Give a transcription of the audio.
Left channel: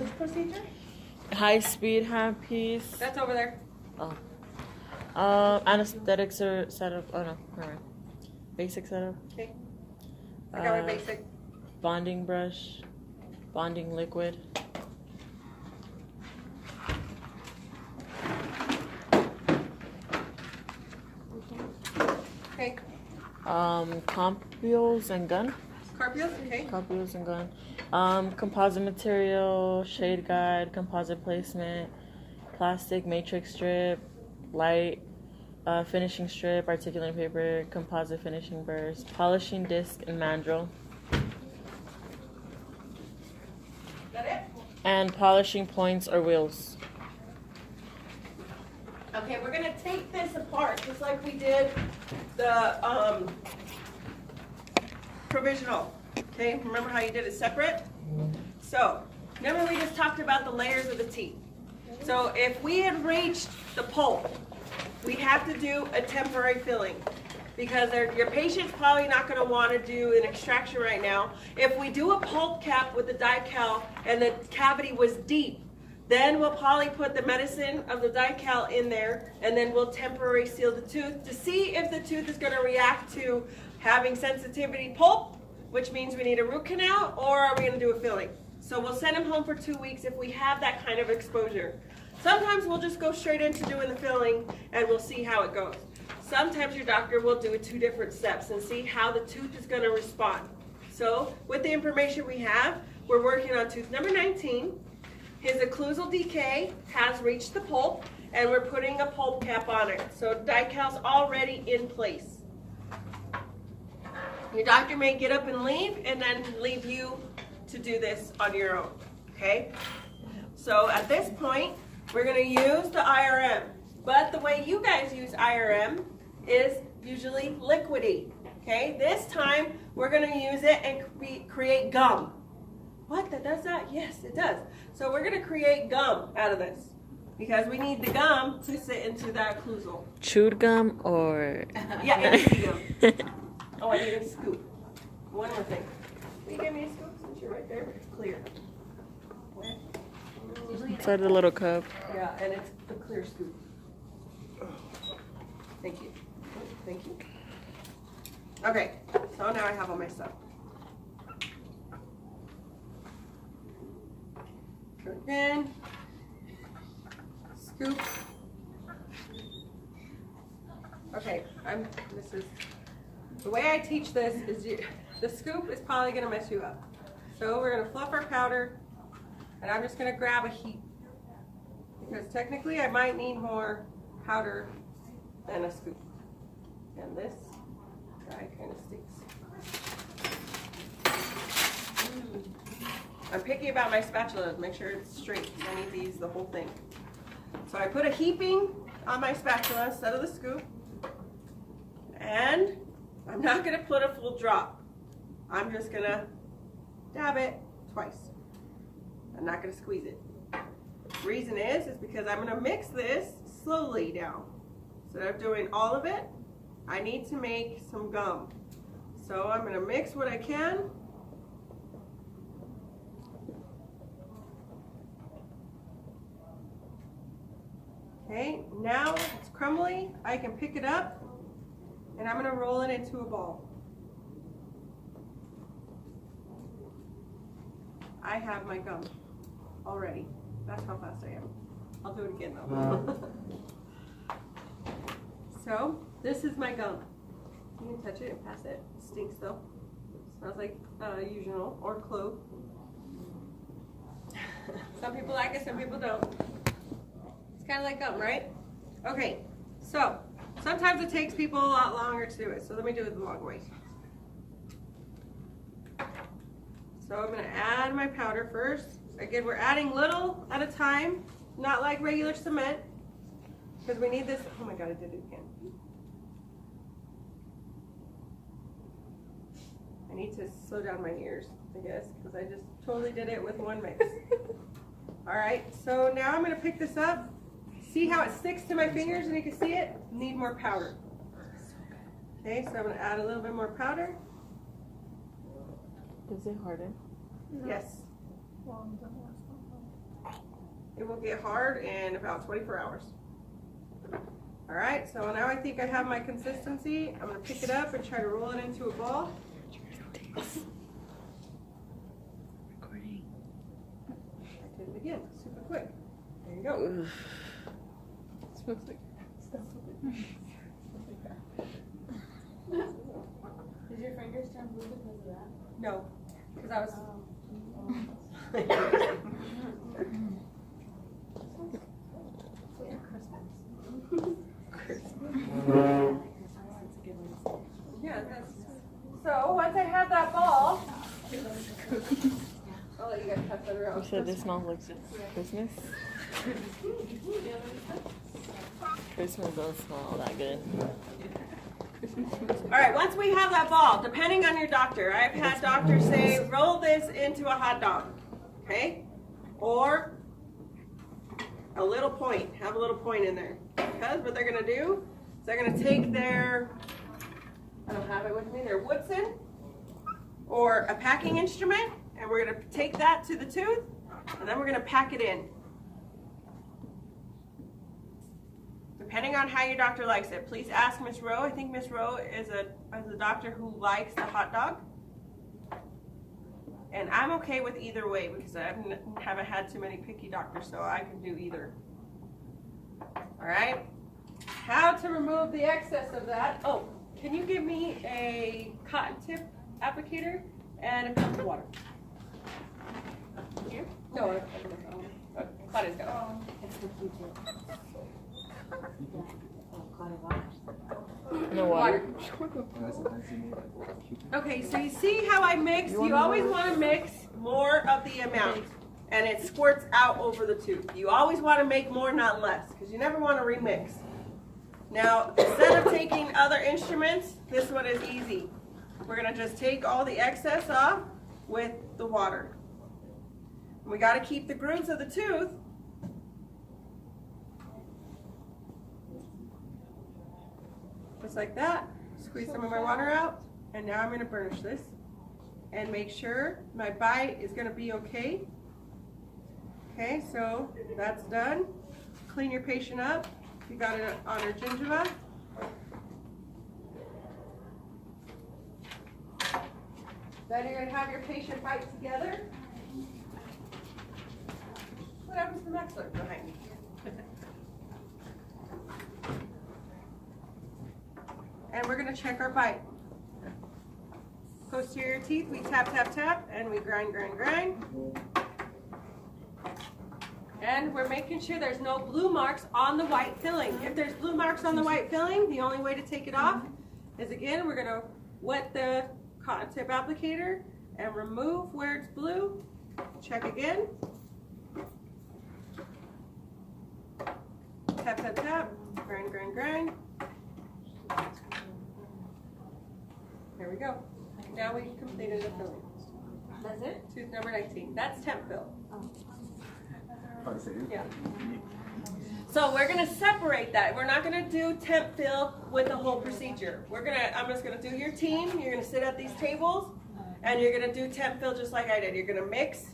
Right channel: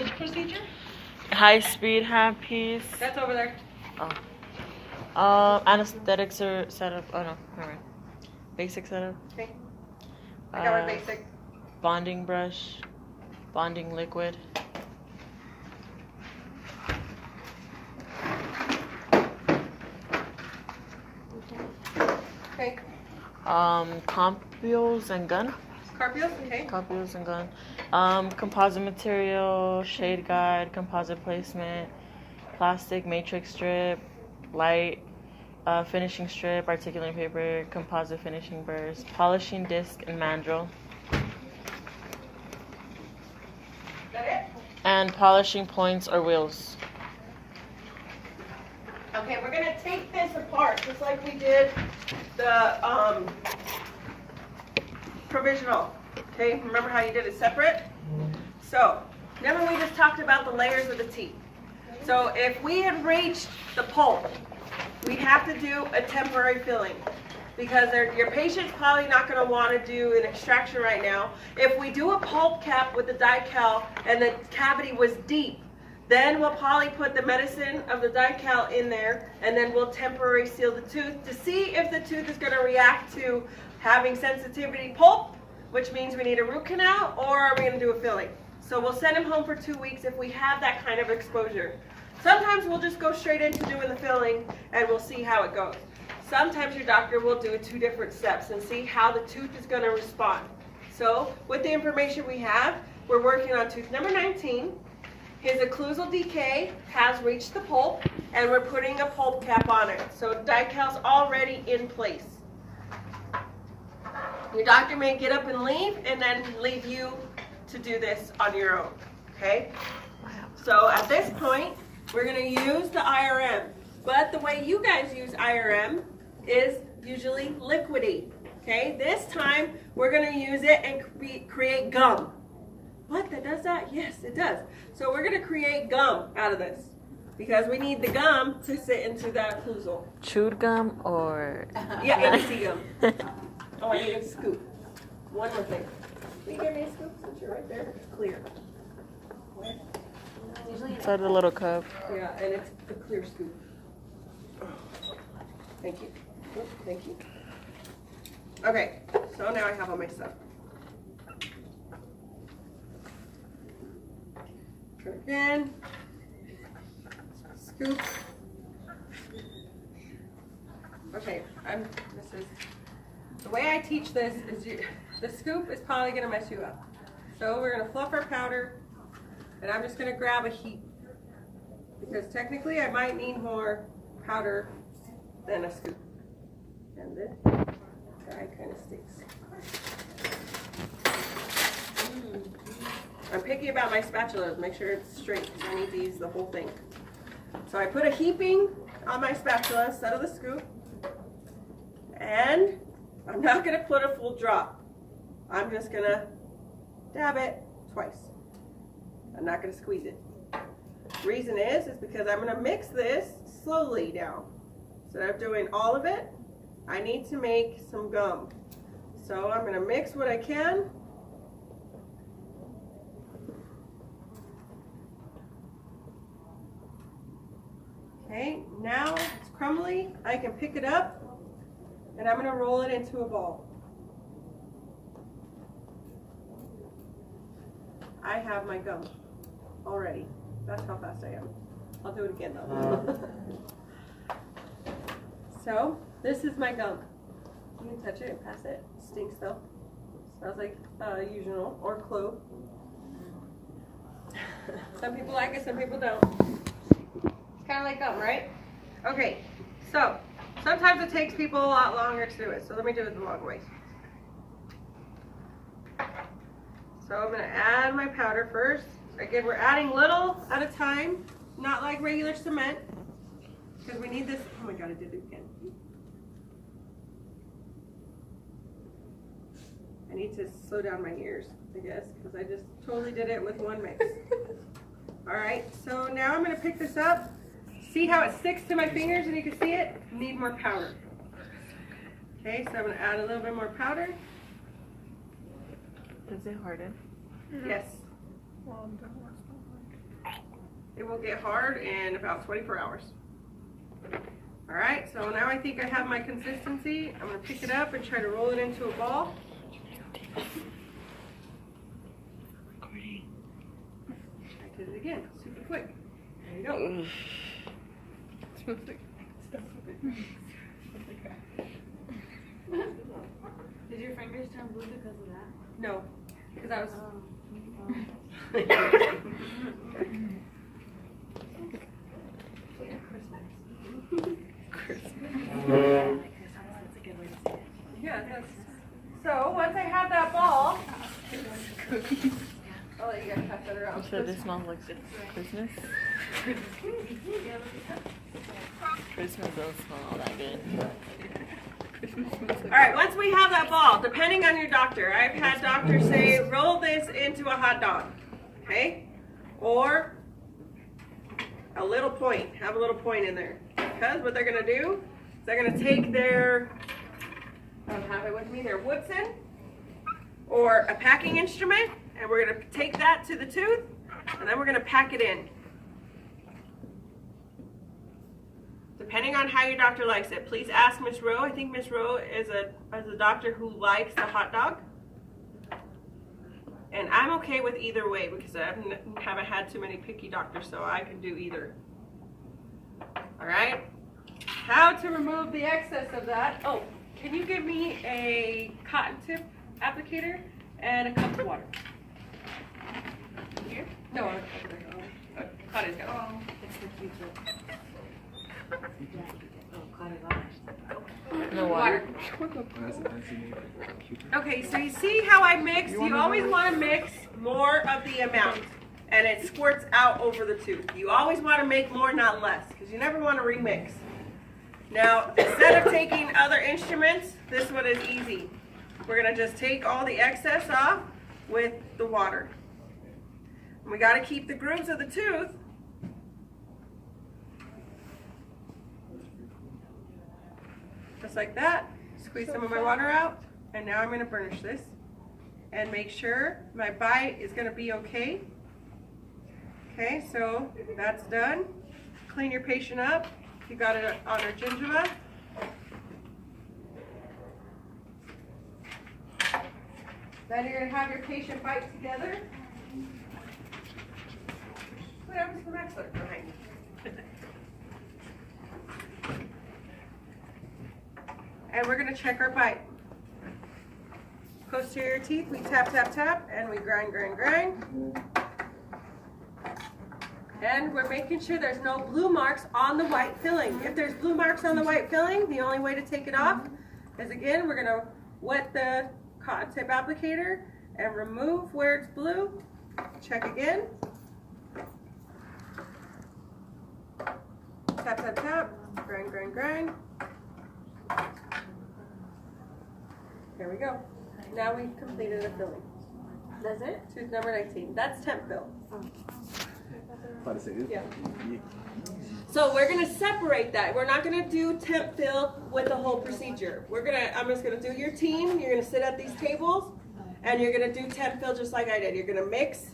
Which procedure? High-speed handpiece. That's over there. Anesthetics or setup. Oh no, alright. Basic setup. Okay. I got my basic. Bonding brush. Bonding liquid. Okay. Compules and gun. Carpio? Okay. Compules and gun. Composite material, shade guide, composite placement, plastic matrix strip, light, finishing strip, articulating paper, composite finishing burrs, polishing disc and mandrel. That it? And polishing points or wheels. Okay, we're gonna take this apart just like we did the provisional. Okay, remember how you did it separate? So, remember we just talked about the layers of the teeth. So if we had reached the pulp, we have to do a temporary filling because your patient's probably not going to want to do an extraction right now. If we do a pulp cap with the Di-Cal and the cavity was deep, then we'll probably put the medicine of the Di-Cal in there and then we'll temporarily seal the tooth to see if the tooth is going to react to having sensitivity pulp, which means we need a root canal, or are we going to do a filling? So we'll send him home for 2 weeks if we have that kind of exposure. Sometimes we'll just go straight into doing the filling and we'll see how it goes. Sometimes your doctor will do 2 different steps and see how the tooth is going to respond. So with the information we have, we're working on tooth number 19. His occlusal decay has reached the pulp and we're putting a pulp cap on it. So Di-Cal's already in place. Your doctor may get up and leave and then leave you to do this on your own, okay? So at this point, we're going to use the IRM, but the way you guys use IRM is usually liquidy, okay? This time, we're going to use it and create gum. What, that does that? Yes, it does. So we're going to create gum out of this because we need the gum to sit into that occlusal. Chewed gum or? Yeah, easy gum. Oh, I need a scoop. One more thing. Can you give me a scoop since you're right there? It's clear. Where? Inside the little cup. Yeah, and it's the clear scoop. Thank you. Oh, thank you. Okay, so now I have all my stuff. Turn it again. Scoop. Okay, the way I teach this is the scoop is probably going to mess you up. So we're going to fluff our powder, and I'm just going to grab a heap. Because technically I might need more powder than a scoop. And this guy kind of stinks. I'm picky about my spatula to make sure it's straight because I need to use the whole thing. So I put a heaping on my spatula instead of the scoop. And I'm not going to put a full drop. I'm just going to dab it twice. I'm not going to squeeze it. Reason is because I'm going to mix this slowly down. Instead of doing all of it, I need to make some gum. So I'm going to mix what I can. Okay, now it's crumbly. I can pick it up and I'm going to roll it into a ball. I have my gum already. That's how fast I am. I'll do it again though. So, this is my gum. You can touch it and pass it. It stinks though. Smells like usual or clove. Some people like it, some people don't. It's kind of like gum, right? Okay, so sometimes it takes people a lot longer to do it. So let me do it the long way. So I'm going to add my powder first. Again, we're adding little at a time, not like regular cement, because we need this. Oh my God, I did it again. I need to slow down my ears, I guess, because I just totally did it with one mix. All right, so now I'm going to pick this up. See how it sticks to my fingers and you can see it? Need more powder. Okay, so I'm going to add a little bit more powder. Does it harden? No. Yes. Well, that was not hard. It will get hard in about 24 hours. All right, so now I think I have my consistency. I'm gonna pick it up and try to roll it into a ball. I did it again, super quick. There you go. Oof. Smells like stuff. Did your fingers turn blue because of that? No, because I was. Yeah, that's, so once I have that ball, I'll let you guys pass that around. You said this smells like Christmas? Christmas doesn't smell all that good. All right, once we have that ball, depending on your doctor, I've had doctors say, roll this into a hot dog, okay? Or a little point, have a little point in there. Because what they're gonna do is they're gonna take their, I don't have it with me, their Woodson or a packing instrument, and we're gonna take that to the tooth, and then we're gonna pack it in. Depending on how your doctor likes it, please ask Miss Rowe. I think Miss Rowe is a doctor who likes the hot dog. And I'm okay with either way because I haven't had too many picky doctors, so I can do either. All right. How to remove the excess of that? Oh, can you give me a cotton tip applicator and a cup of water? Here? No, Claudia's got it. No water. Okay, so you see how I mix? You always want to mix more of the amount, and it squirts out over the tooth. You always want to make more, not less, because you never want to remix. Now, instead of taking other instruments, this one is easy. We're going to just take all the excess off with the water. We got to keep the grooves of the tooth. Just like that. Squeeze some of my water out, and now I'm going to burnish this and make sure my bite is going to be okay. Okay, so that's done. Clean your patient up if you got it on her gingiva. Then you're going to have your patient bite together. What happens to the maxilla behind me? And we're going to check our bite. Posterior teeth, we tap, tap, tap, and we grind, grind, grind. And we're making sure there's no blue marks on the white filling. If there's blue marks on the white filling, the only way to take it off is, again, we're going to wet the cotton tip applicator and remove where it's blue. Check again. Tap, tap, tap, grind, grind, grind. There we go. Now we've completed a filling. That's it? Tooth number 19. That's temp fill. Yeah. So we're gonna separate that. We're not gonna do temp fill with the whole procedure. I'm just gonna do your team. You're gonna sit at these tables and you're gonna do temp fill just like I did. You're gonna mix